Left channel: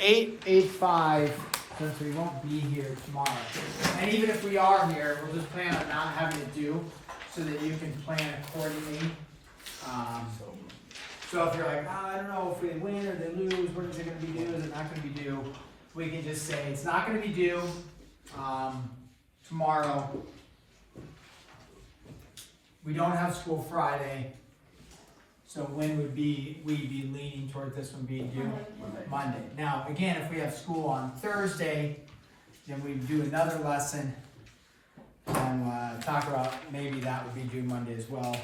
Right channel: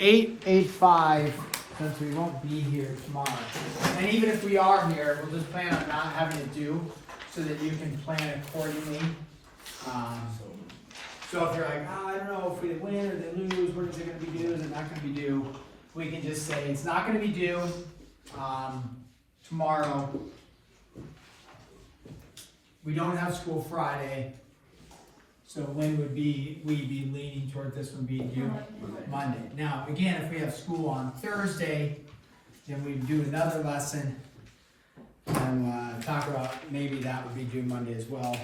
8:05, since we won't be here tomorrow. And even if we are here, we'll just plan on not having to do so that you can plan accordingly. So if you're like, I don't know if we win or they lose, when is it going to be due, is it not going to be due? We can just say it's not going to be due tomorrow. We don't have school Friday. So when would we be leaning toward this one being due? Monday. Now, again, if we have school on Thursday, then we do another lesson and talk about maybe that would be due Monday as well.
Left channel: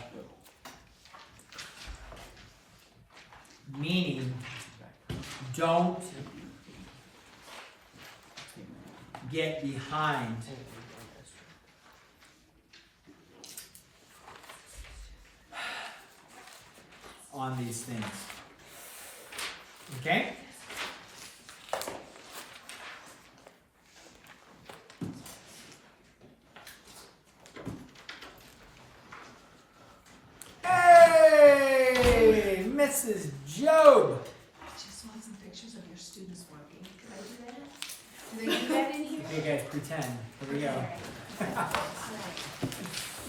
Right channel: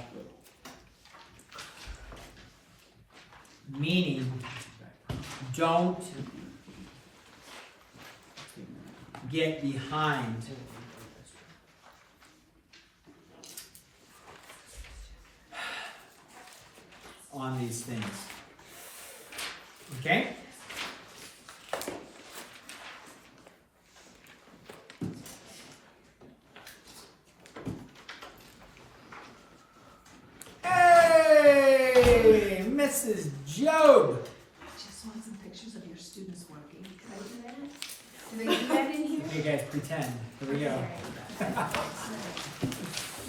Meaning, don't get behind on these things. Okay? Hey, Mrs. Job. I just want some pictures of your students working. Can I do that? Do they do that in here? Hey guys, pretend. Here we go.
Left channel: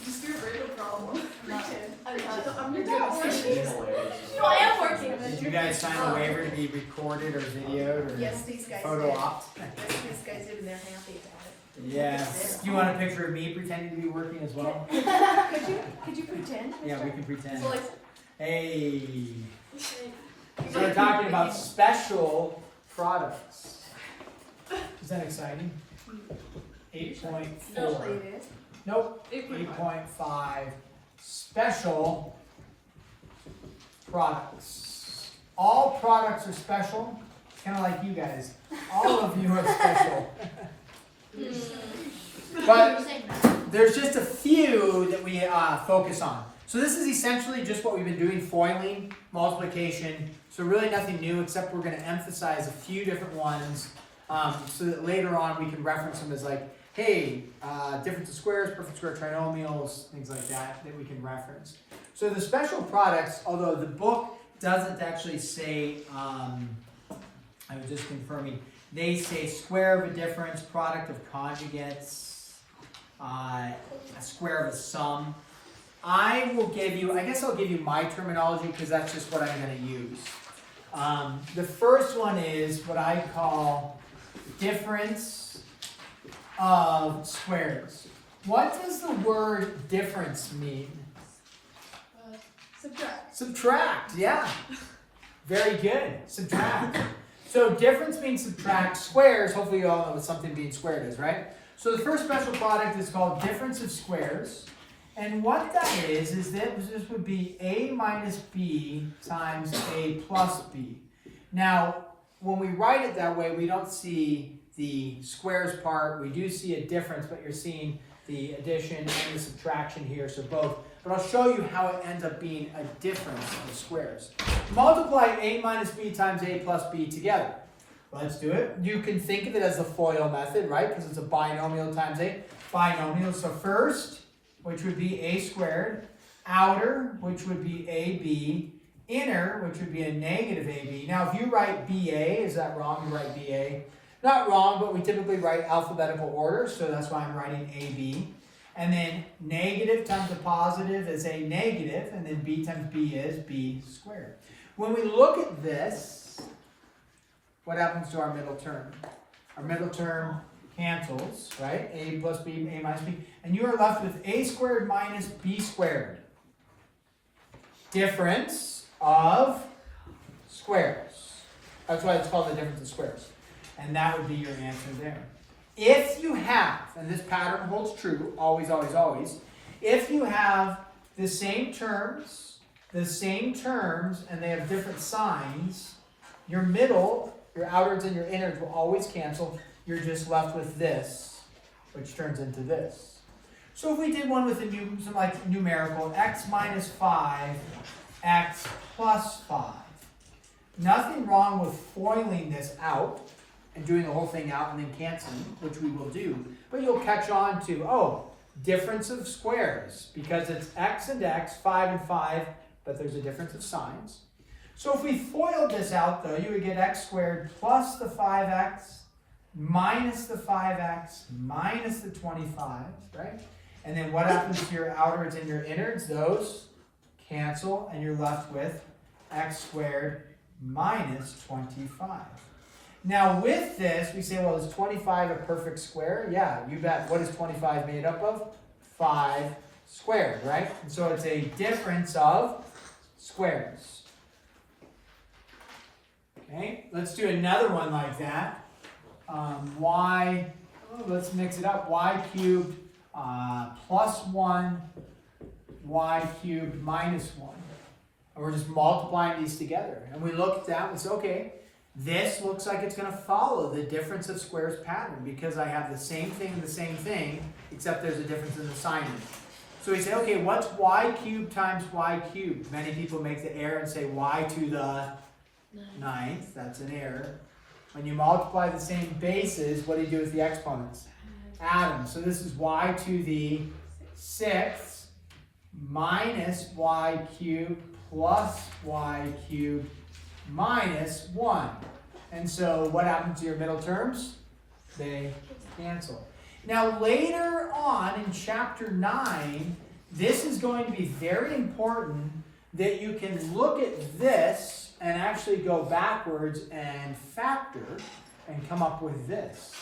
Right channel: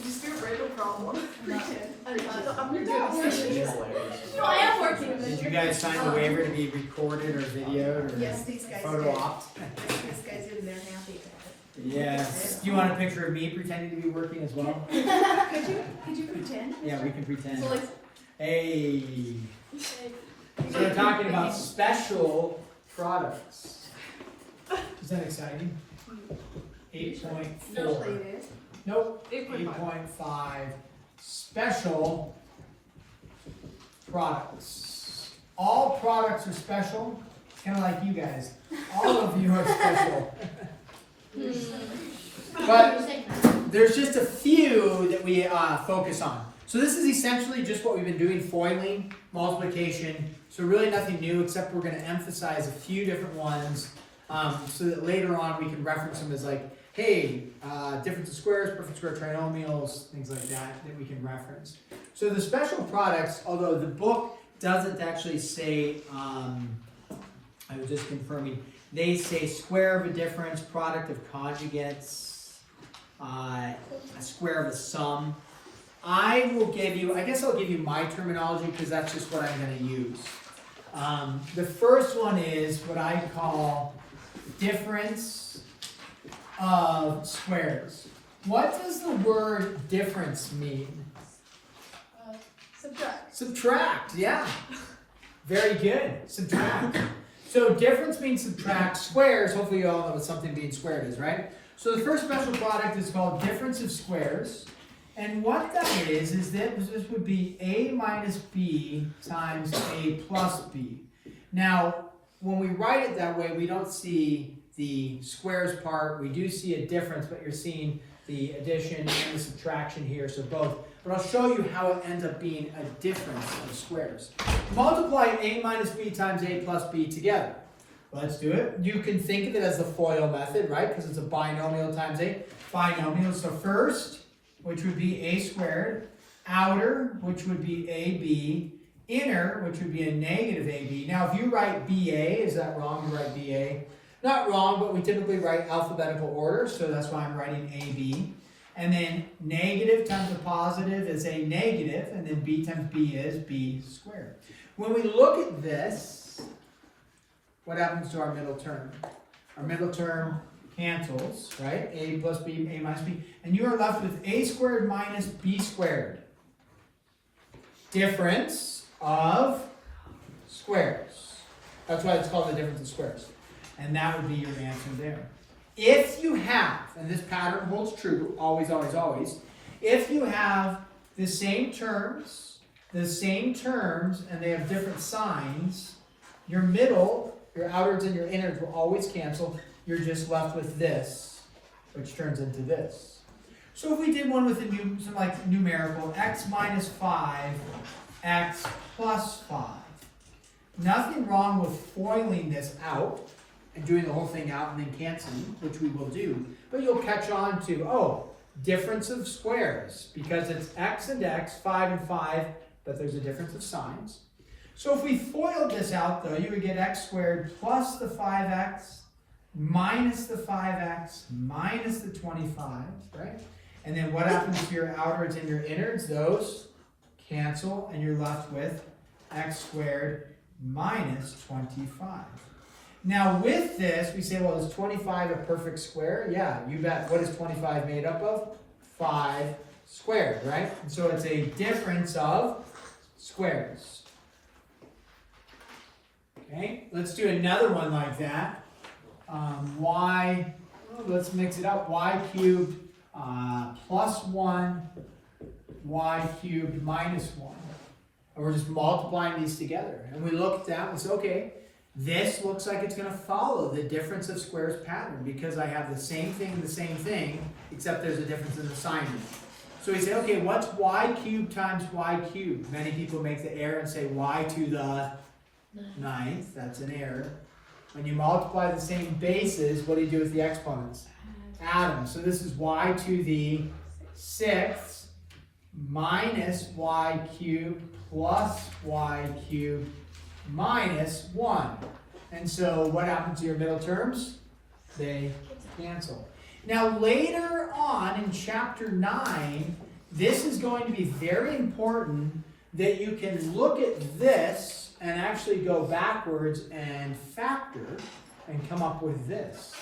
Just get rid of the problem. Pretend. I am working. Did you guys sign the waiver to be recorded or videoed or Yes, these guys photo did. opt? These guys did, and they're happy about Yes. Do you want a picture of me pretending to be working as well? it. Could you pretend? Yeah, we can pretend. Hey. So we're talking about special products. Is that exciting? 8.4. Nope. 8.5. Special products. All products are special. Kind of like you guys. All of you are special. But there's just a few that we focus on. So this is essentially just what we've been doing, foiling, multiplication. So really nothing new, except we're going to emphasize a few different ones so that later on we can reference them as like, hey, difference of squares, perfect square trinomials, things like that we can reference. So the special products, although the book doesn't actually say, I was just confirming, they say square of a difference, product of conjugates, a square of a sum. I will give you, I guess I'll give you my terminology because that's just what I'm going to use. The first one is what I call difference of squares. What does the word difference mean? Subtract. Subtract, yeah. Very good. Subtract. So difference means subtract. Squares, hopefully you all know what something being squared is, right? So the first special product is called difference of squares. And what that is that this would be a minus b times a plus b. Now, when we write it that way, we don't see the squares part. We do see a difference, but you're seeing the addition and the subtraction here, so both. But I'll show you how it ends up being a difference of squares. Multiply a minus b times a plus b together. Let's do it. You can think of it as the FOIL method, right? Because it's a binomial times a binomial. So first, which would be a squared, outer, which would be ab, inner, which would be a negative ab. Now, if you write ba, is that wrong? You write ba. Not wrong, but we typically write alphabetical order, so that's why I'm writing ab. And then negative times a positive is a negative, and then b times b is b squared. When we look at this, what happens to our middle term? Our middle term cancels, right? A plus b, a minus b. And you are left with a squared minus b squared. Difference of squares. That's why it's called the difference of squares. And that would be your answer there. If you have, and this pattern holds true, always, always, always, if you have the same terms, and they have different signs, your middle, your outwards and your innards will always cancel. You're just left with this, which turns into this. So if we did one with some like numerical, x minus 5, x plus 5. Nothing wrong with foiling this out and doing the whole thing out and then canceling, which we will do. But you'll catch on to, oh, difference of squares, because it's x and x, 5 and 5, but there's a difference of signs. So if we FOILed this out though, you would get x squared plus the 5x minus the 5x minus the 25, right? And then what happens to your outwards and your innards? Those cancel, and you're left with x squared minus 25. Now with this, we say, well, is 25 a perfect square? Yeah, you bet. What is 25 made up of? 5 squared, right? And so it's a difference of squares. Okay, let's do another one like that. Let's mix it up. Y cubed plus 1, y cubed minus 1. And we're just multiplying these together. And we look at that and say, okay, this looks like it's going to follow the difference of squares pattern because I have the same thing, except there's a difference in the sign. So we say, okay, what's y cubed times y cubed? Many people make the error and say y to the 9th. That's an error. When you multiply the same bases, what do you do with the exponents? Add them. So this is y to the 6th minus y cubed plus y cubed minus 1. And so what happens to your middle terms? They cancel. Now later on in chapter 9, this is going to be very important that you can look at this and actually go backwards and factor and come up with this.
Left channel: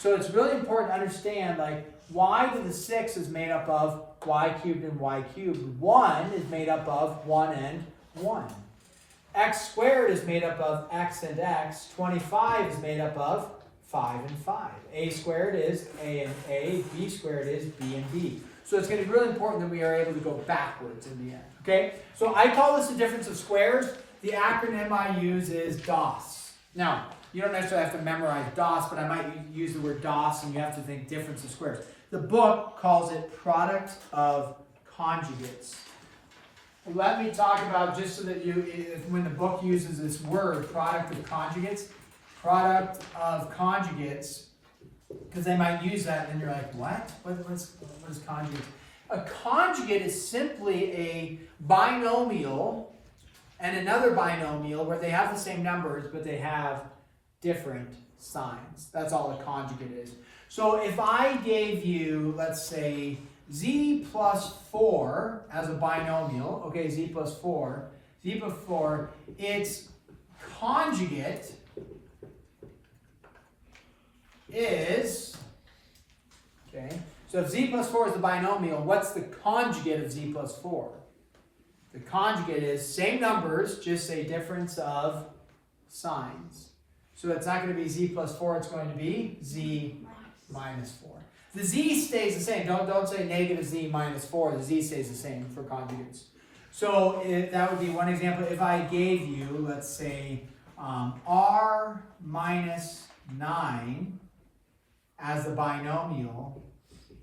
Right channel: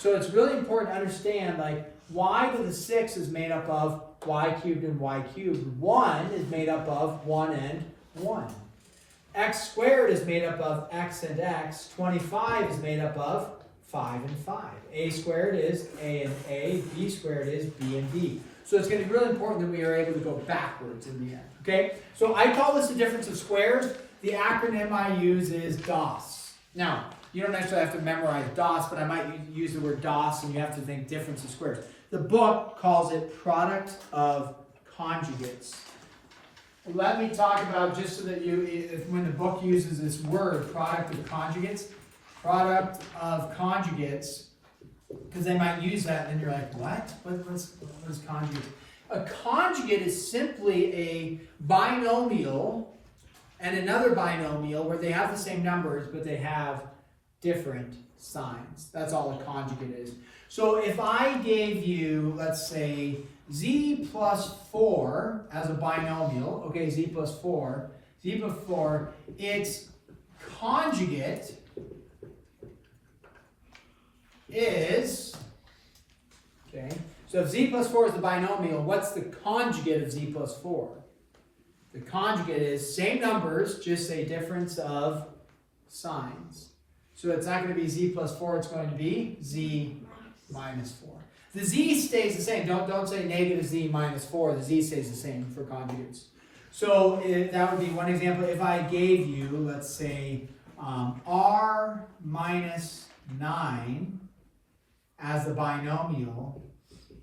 So it's really important to understand, like, y to the 6 is made up of y cubed and y cubed. 1 is made up of 1 and 1. X squared is made up of x and x. 25 is made up of 5 and 5. A squared is a and a. B squared is b and b. So it's going to be really important that we are able to go backwards in the end. Okay? So I call this the difference of squares. The acronym I use is DOS. Now, you don't necessarily have to memorize DOS, but I might use the word DOS and you have to think difference of squares. The book calls it product of conjugates. Let me talk about, just so that when the book uses this word, product of conjugates, because they might use that and then you're like, what? What is conjugate? A conjugate is simply a binomial and another binomial where they have the same numbers, but they have different signs. That's all a conjugate is. So if I gave you, let's say, z plus 4 as a binomial, okay, z plus 4, its conjugate is, okay, so if z plus 4 is the binomial, what's the conjugate of z plus 4? The conjugate is same numbers, just a difference of signs. So it's not going to be z plus 4, it's going to be z minus 4. The z stays the same. Don't say negative z minus 4. The z stays the same for conjugates. So that would be one example. If I gave you, let's say, r minus 9 as the binomial,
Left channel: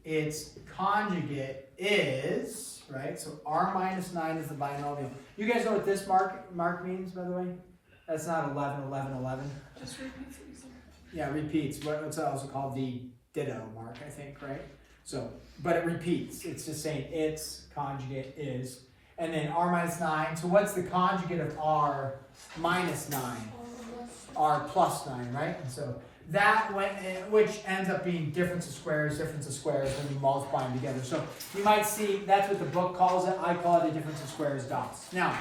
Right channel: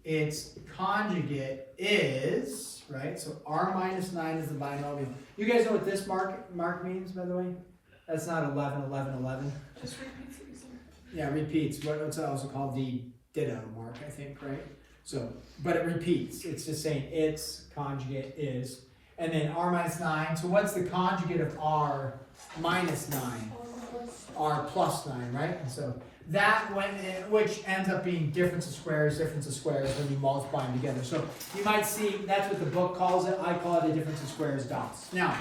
its conjugate is, right? So r minus 9 is the binomial. You guys know what this mark means, by the way? That's not 11, 11, 11. Just repeat, please. Yeah, it repeats. What's also called the ditto mark, I think, right? So, but it repeats. It's just saying its conjugate is. And then r minus 9. So what's the conjugate of r minus 9? R plus 9, right? And so that, which ends up being difference of squares when you multiply them together. So you might see, that's what the book calls it. I call it a difference of squares dots. Now,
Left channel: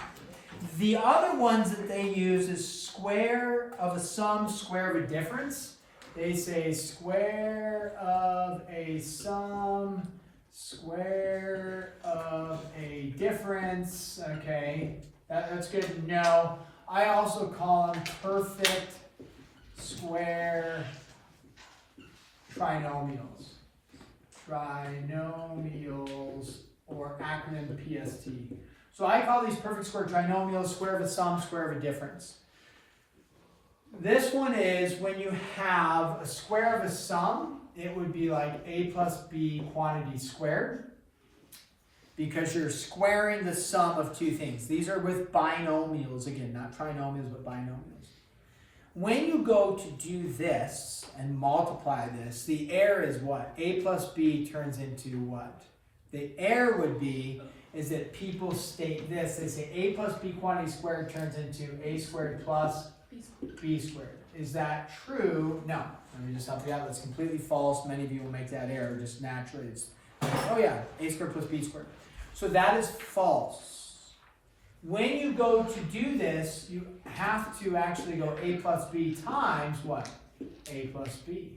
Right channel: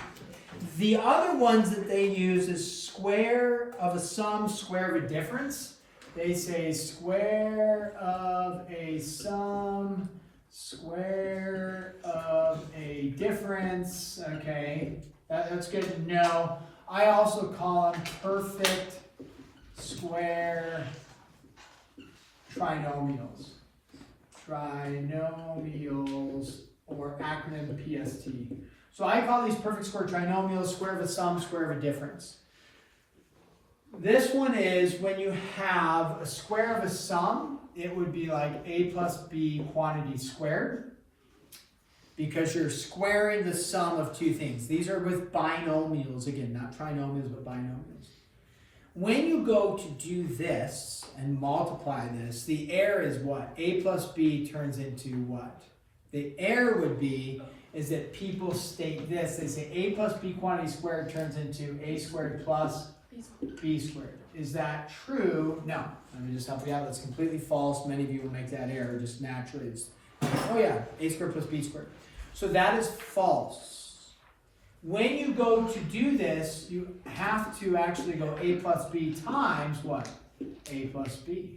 the other ones that they use is square of a sum, square of a difference. They say square of a sum, square of a difference. Okay, that's good to know. I also call them perfect square trinomials. Trinomials, or acronym PST. So I call these perfect square trinomials, square of a sum, square of a difference. This one is when you have a square of a sum, it would be like a plus b quantity squared, because you're squaring the sum of two things. These are with binomials, again, not trinomials, but binomials. When you go to do this and multiply this, the error is what? A plus b turns into what? The error would be is that people state this. They say a plus b quantity squared turns into a squared plus b squared. Is that true? No. Let me just help you out. That's completely false. Many of you will make that error just naturally. It's, oh yeah, a squared plus b squared. So that is false. When you go to do this, you have to actually go a plus b times what? A plus b.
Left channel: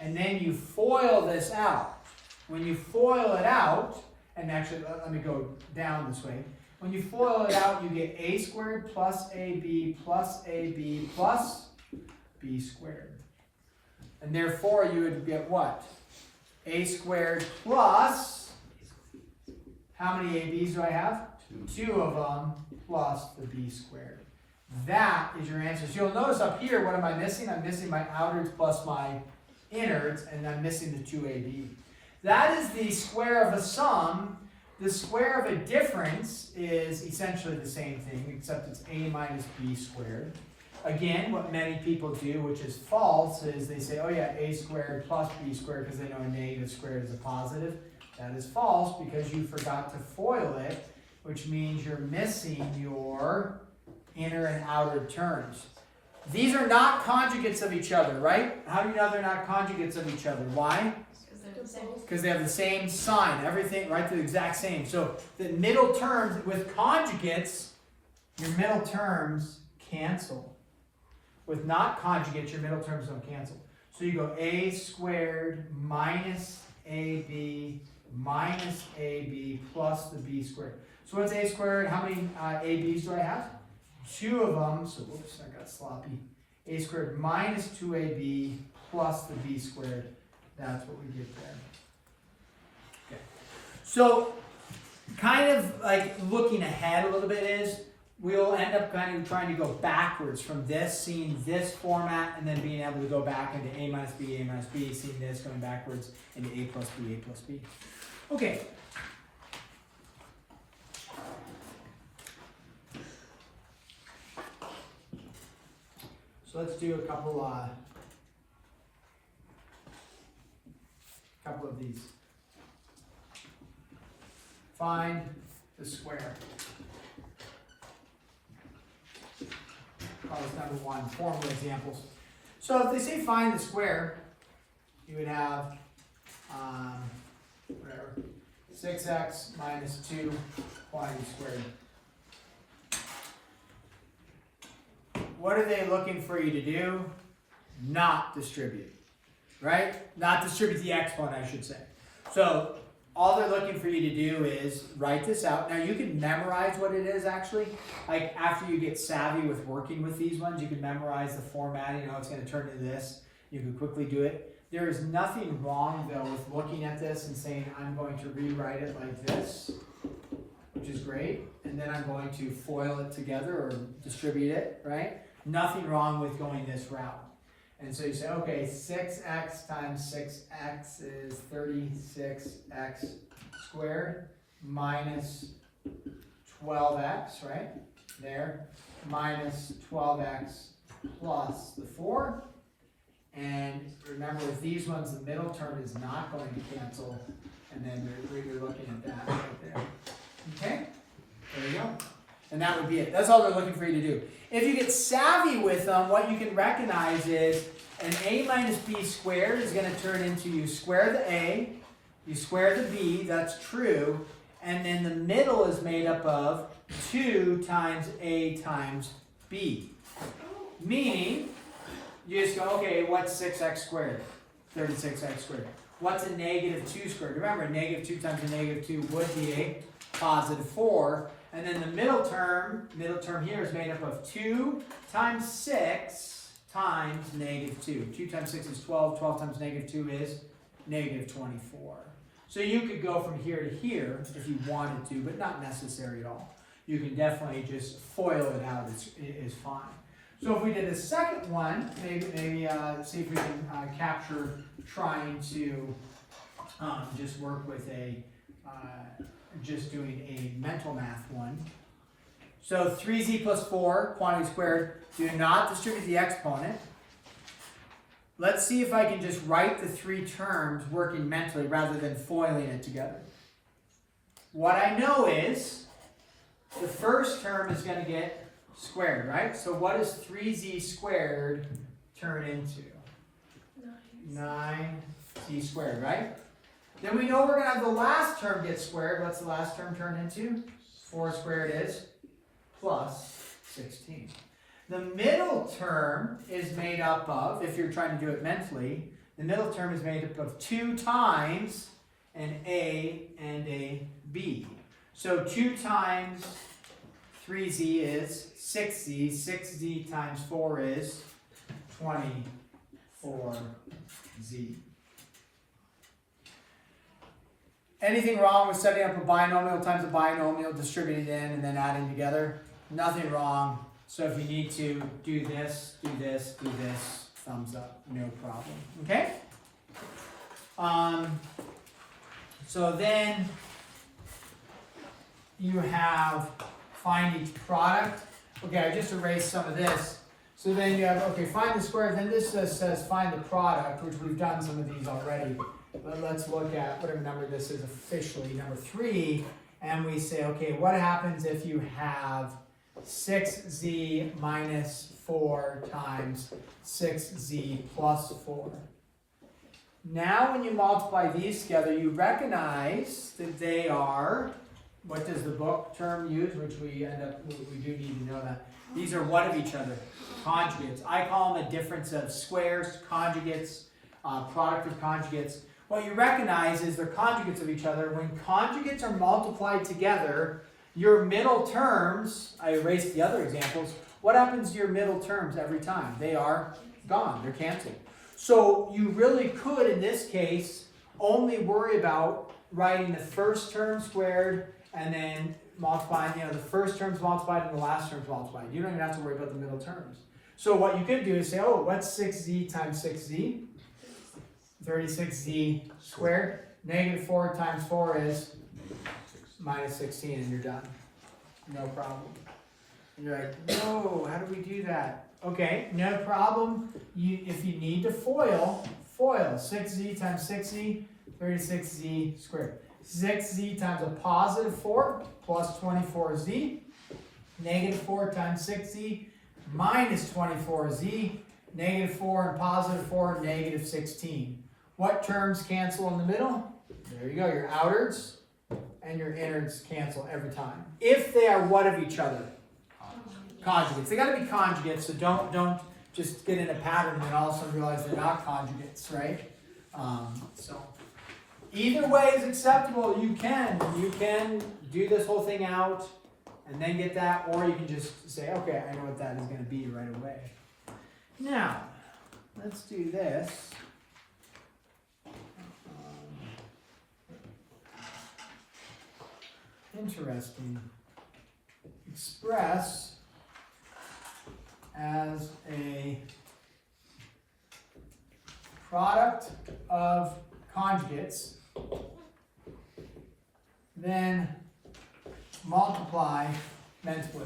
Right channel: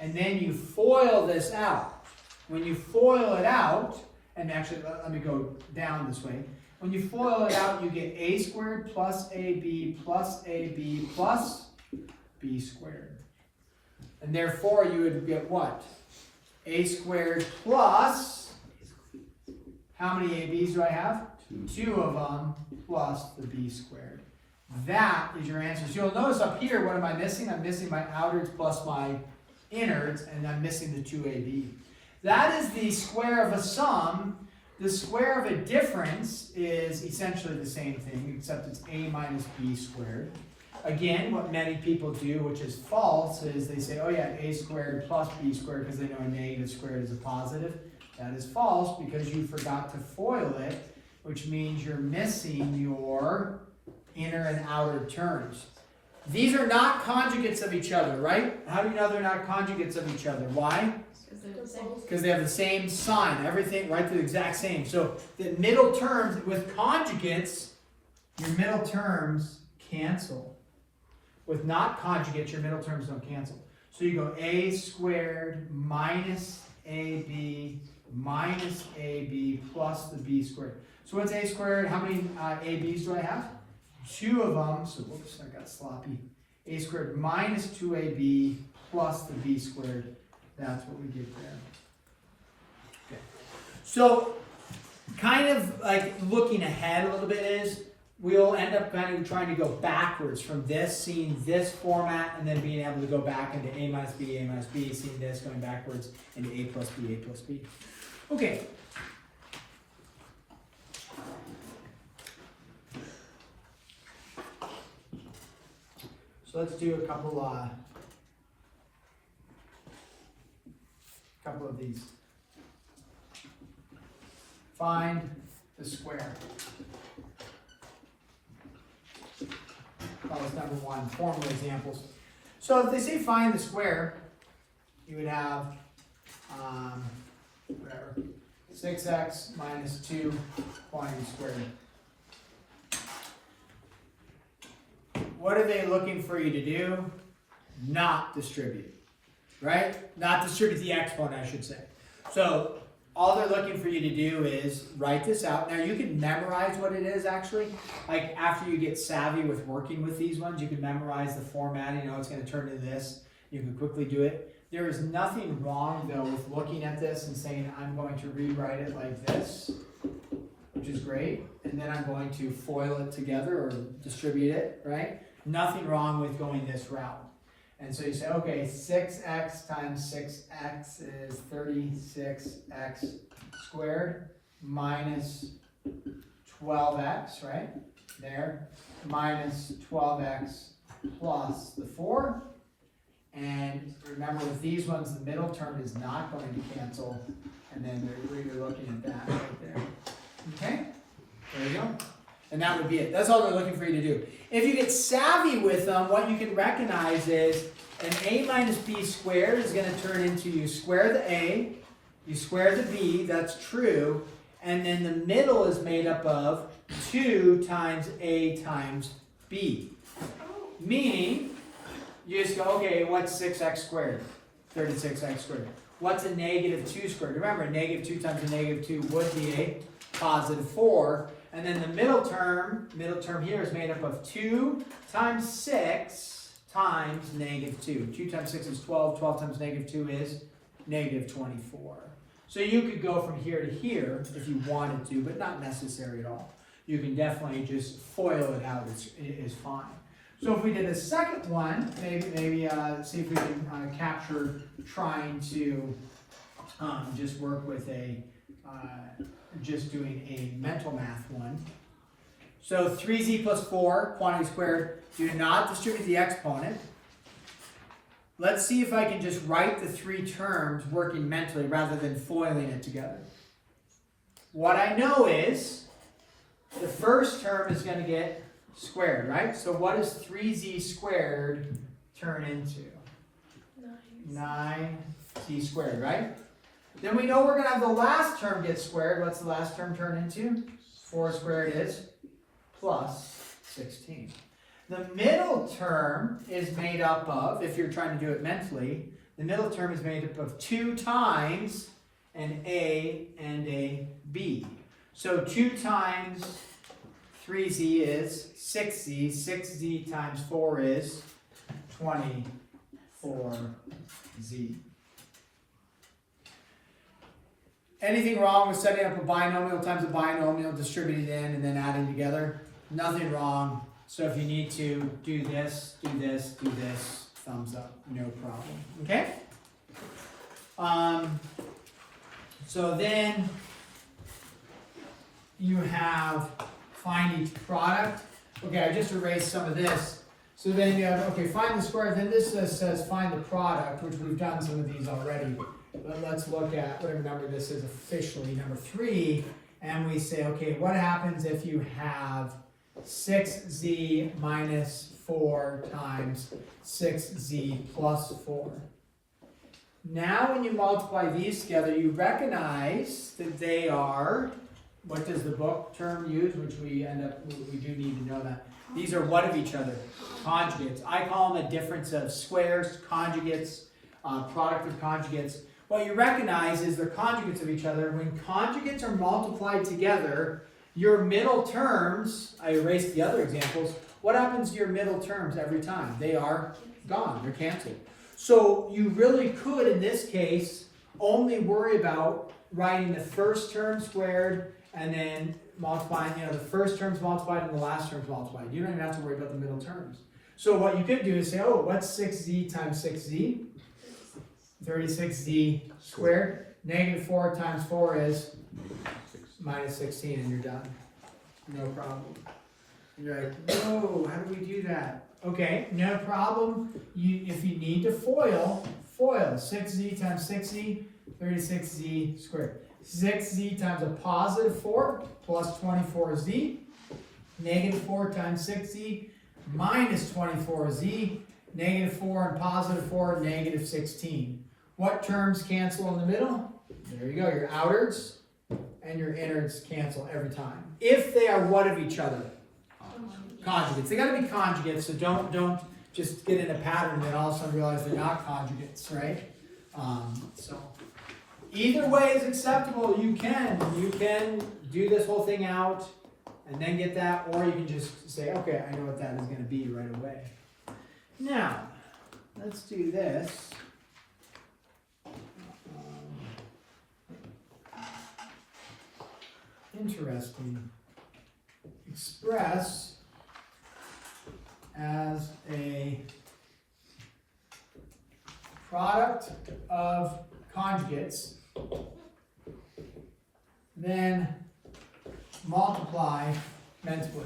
And then you FOIL this out. When you FOIL it out, and actually let me go down this way. When you FOIL it out, you get a squared plus ab plus ab plus b squared. And therefore you would get what? A squared plus, how many ab's do I have? Two of them plus the b squared. That is your answer. So you'll notice up here, what am I missing? I'm missing my outwards plus my innards, and I'm missing the 2ab. That is the square of a sum. The square of a difference is essentially the same thing, except it's a minus b squared. Again, what many people do, which is false, is they say, oh yeah, a squared plus b squared, because they know a negative squared is a positive. That is false because you forgot to FOIL it, which means you're missing your inner and outer terms. These are not conjugates of each other, right? How do you know they're not conjugates of each other? Why? Because they have the same sign, everything, right? They're the exact same. So the middle terms with conjugates, your middle terms cancel. With not conjugates, your middle terms don't cancel. So you go a squared minus ab minus ab plus the b squared. So what's a squared? How many ab's do I have? Two of them. So whoops, I got sloppy. A squared minus 2ab plus the b squared. That's what we did there. Okay. So kind of like looking ahead a little bit is we'll end up kind of trying to go backwards from this, seeing this format, and then being able to go back into a minus b, seeing this, going backwards into a plus b, a plus b. Okay. So let's do a couple of these. Find the square. Call this number one, formal examples. So if they say find the square, you would have, whatever, 6x minus 2 quantity squared. What are they looking for you to do? Not distribute, right? Not distribute the exponent, I should say. So all they're looking for you to do is write this out. Now you can memorize what it is actually. Like after you get savvy with working with these ones, you can memorize the formatting. You know it's going to turn into this. You can quickly do it. There is nothing wrong though with looking at this and saying, I'm going to rewrite it like this, which is great. And then I'm going to FOIL it together or distribute it, right? Nothing wrong with going this route. And so you say, okay, 6x times 6x is 36x squared minus 12x, right? There, minus 12x plus the 4. And remember with these ones, the middle term is not going to cancel. And then we're looking at that right there. Okay? There you go. And that would be it. That's all they're looking for you to do. If you get savvy with them, what you can recognize is an a minus b squared is going to turn into you square the a, you square the b, that's true, and then the middle is made up of 2 times a times b. Meaning, you just go, okay, what's 6x squared? 36x squared. What's a negative 2 squared? Remember, a negative 2 times a negative 2 would be a positive 4. And then the middle term here is made up of 2 times 6 times negative 2. 2 times 6 is 12. 12 times negative 2 is negative 24. So you could go from here to here if you wanted to, but not necessary at all. You can definitely just FOIL it out. It's fine. So if we did a second one, maybe see if we can capture trying to just work with a just doing a mental math one. So 3z plus 4, quantity squared, do not distribute the exponent. Let's see if I can just write the 3 terms working mentally rather than foiling it together. what I know is the first term is going to get squared, right? So what does 3z squared turn into? 9z squared, right? Then we know we're going to have the last term get squared. What's the last term turn into? 4 squared is plus 16. The middle term is made up of, if you're trying to do it mentally, the middle term is made up of 2 times an a and a b. So 2 times 3z is 6z. 6z times 4 is 24z. Anything wrong with setting up a binomial times a binomial, distributing in, and then adding together? Nothing wrong. So if you need to do this, do this, do this, thumbs up, no problem. Okay? So then you have find each product. Okay, I just erased some of this. So then you have, okay, find the square. Then this says find the product, which we've done some of these already. But let's look at whatever number this is officially, number 3. And we say, okay, what happens if you have 6z minus 4 times 6z plus 4? Now when you multiply these together, you recognize that they are, what does the book term use, which we do need to know that. These are what of each other? Conjugates. I call them a difference of squares, conjugates, product of conjugates. What you recognize is they're conjugates of each other. When conjugates are multiplied together, your middle terms, I erased the other examples, what happens to your middle terms every time? They are gone, they're canceled. So you really could, in this case, only worry about writing the first term squared and then multiplying, the first term's multiplied and the last term's multiplied. You don't even have to worry about the middle terms. So what you could do is say, oh, what's 6z times 6z? 36z squared. Negative 4 times 4 is minus 16, and you're done. No problem. And you're like, no, how do we do that? Okay, no problem. If you need to foil 6z times 6z, 36z squared. 6z times a positive 4 plus 24z. Negative 4 times 6z minus 24z. Negative 4 and positive 4, negative 16. What terms cancel in the middle? There you go, your outwards and your innards cancel every time. If they are what of each other? Conjugates. They got to be conjugates, so don't just get in a pattern and all of a sudden realize they're not conjugates, right? So either way is acceptable. You can do this whole thing out and then get that, or you can just say, okay, I know what that is going to be right away. Now, let's do this. Interesting. Express as a product of conjugates, then multiply mentally.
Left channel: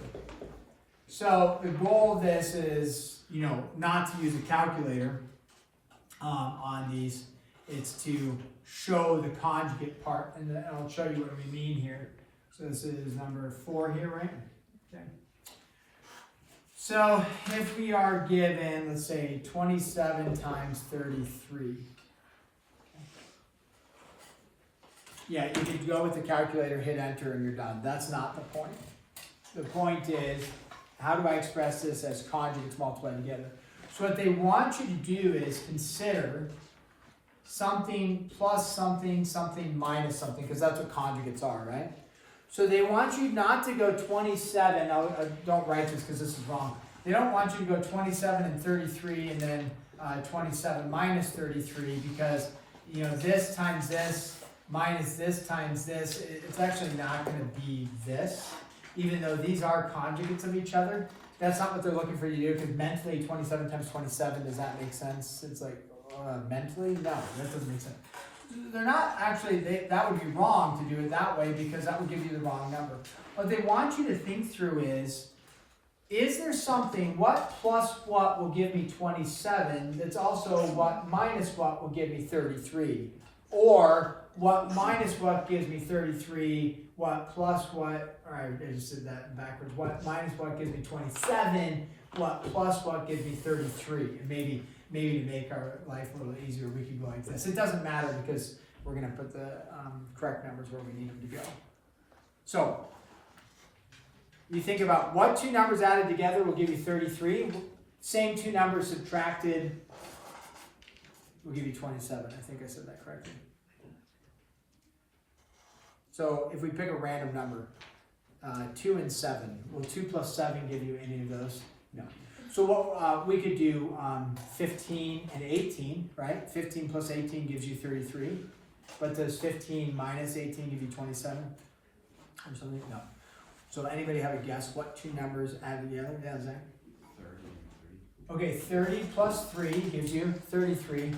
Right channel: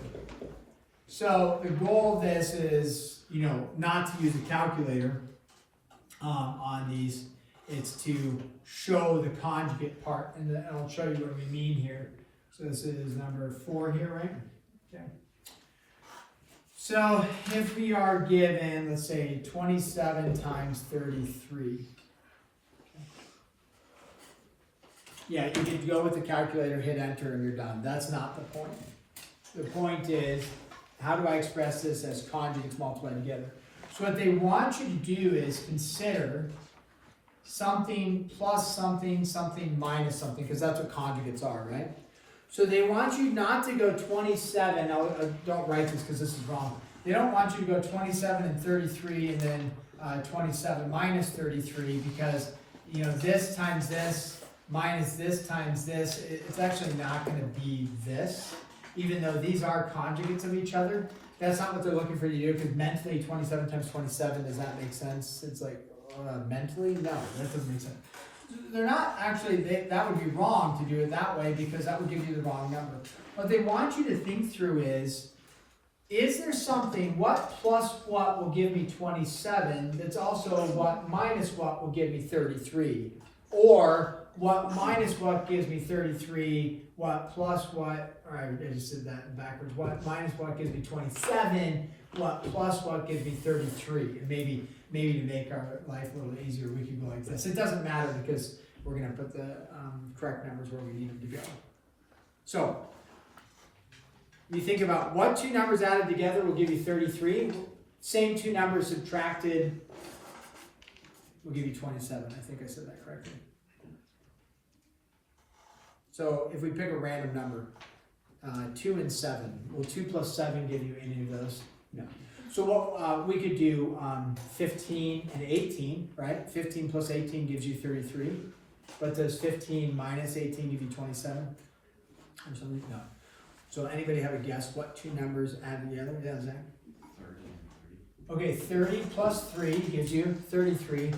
So the goal of this is, not to use a calculator on these. It's to show the conjugate part, and I'll show you what we mean here. So this is number 4 here, right? Okay. So if we are given, let's say, 27 times 33. Yeah, you can go with the calculator, hit enter, and you're done. That's not the point. The point is, how do I express this as conjugates multiplied together? So what they want you to do is consider something plus something, something minus something, because that's what conjugates are, right? So they want you not to go 27, I don't write this because this is wrong. They don't want you to go 27 and 33 and then 27 minus 33 because, this times this minus this times this, it's actually not going to be this, even though these are conjugates of each other. That's not what they're looking for you to do, because mentally 27 times 27, does that make sense? It's like, mentally? No, that doesn't make sense. They're not actually, that would be wrong to do it that way because that would give you the wrong number. What they want you to think through is there something, what plus what will give me 27, that's also what minus what will give me 33? Or what minus what gives me 33, what plus what, alright, I just did that backwards, what minus what gives me 27, what plus what gives me 33. And maybe to make our life a little easier, we could go like this. It doesn't matter because we're going to put the correct numbers where we need them to go. So, you think about what two numbers added together will give you 33. Same two numbers subtracted will give you 27. I think I said that correctly. So if we pick a random number, 2 and 7, will 2 plus 7 give you any of those? No. So what we could do 15 and 18, right? 15 plus 18 gives you 33. But does 15 minus 18 give you 27? Or something? No. So anybody have a guess what two numbers added together? Yeah, Zach? 30 and 3. Okay, 30 plus 3 gives you 33.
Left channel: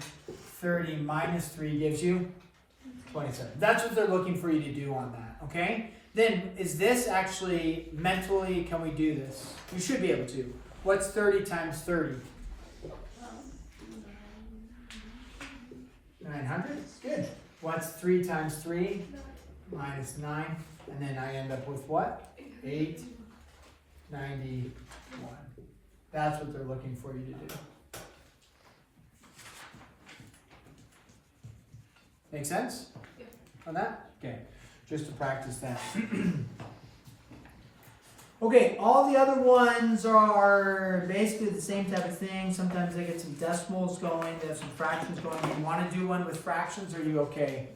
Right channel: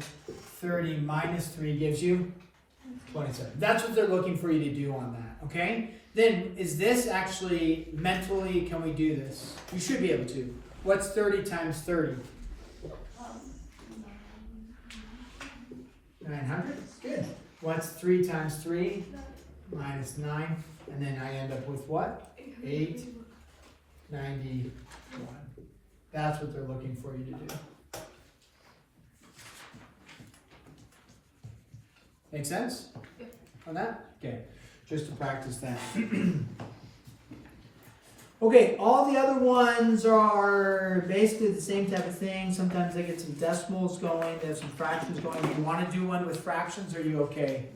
30 minus 3 gives you 27. That's what they're looking for you to do on that, okay? Then, is this actually, mentally, can we do this? We should be able to. What's 30 times 30? 900? Good. What's 3 times 3? Minus 9. And then I end up with what? 891. That's what they're looking for you to do. Make sense? On that? Okay. Just to practice that. Okay, all the other ones are basically the same type of thing. Sometimes they get some decimals going, there's some fractions going. You want to do one with fractions, or are you okay?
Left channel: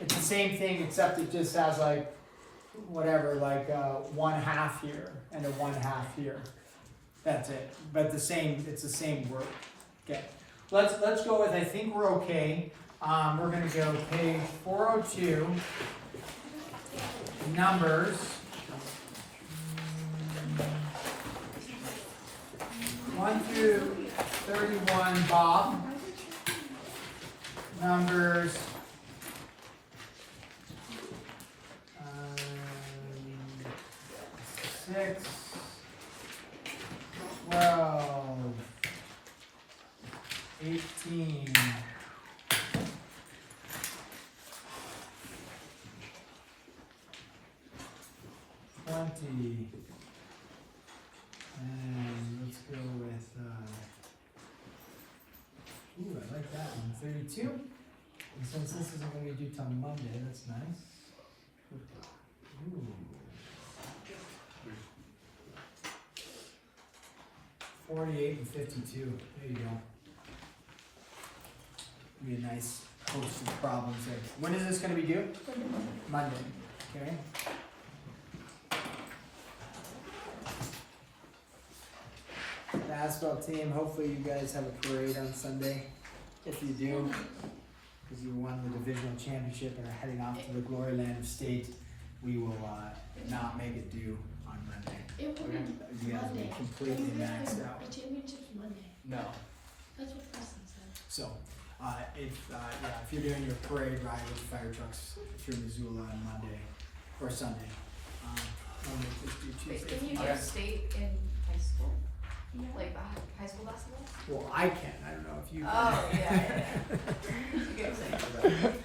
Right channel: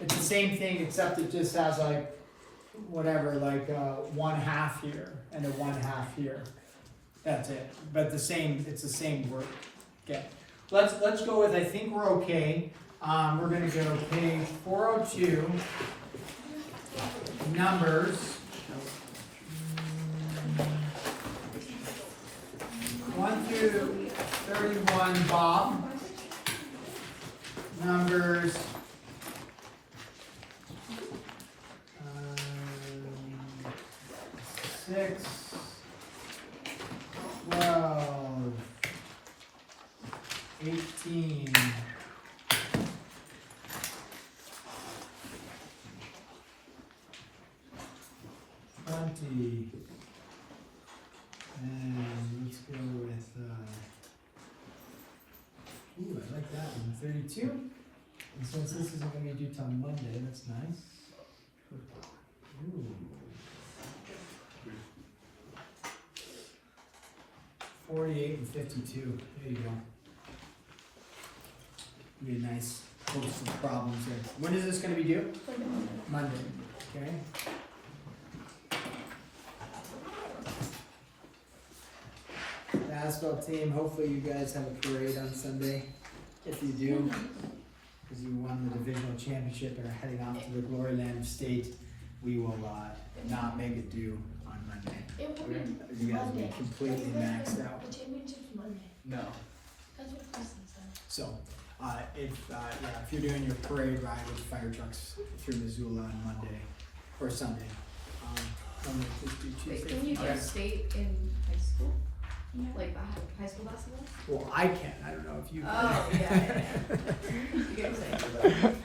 It's the same thing, except it just has like, whatever, like 1/2 here and a 1/2 here. That's it. But it's the same word. Okay. Let's go with, I think we're okay. We're going to go page 402, numbers 1 through 31, Bob. Numbers 6, 12, 18, 20, and let's go with, ooh, I like that one, 32. And since this isn't going to be due till Monday, that's nice. Ooh. 48 and 52, there you go. Be a nice host of problems there. When is this going to be due? Monday, okay. The asphalt team, hopefully you guys have a parade on Sunday. If you do, because you won the divisional championship and are heading off to the glory land of state, we will not make it due on Monday. You guys will be completely maxed out. The championship's Monday. No. That's what Preston said. So, if you're doing your parade ride with fire trucks, if you're Missoula on Monday or Sunday, Monday, Tuesday. Can you get state in high school? Like high school basketball? Well, I can. I don't know if you can. Oh, yeah. You get what I'm saying.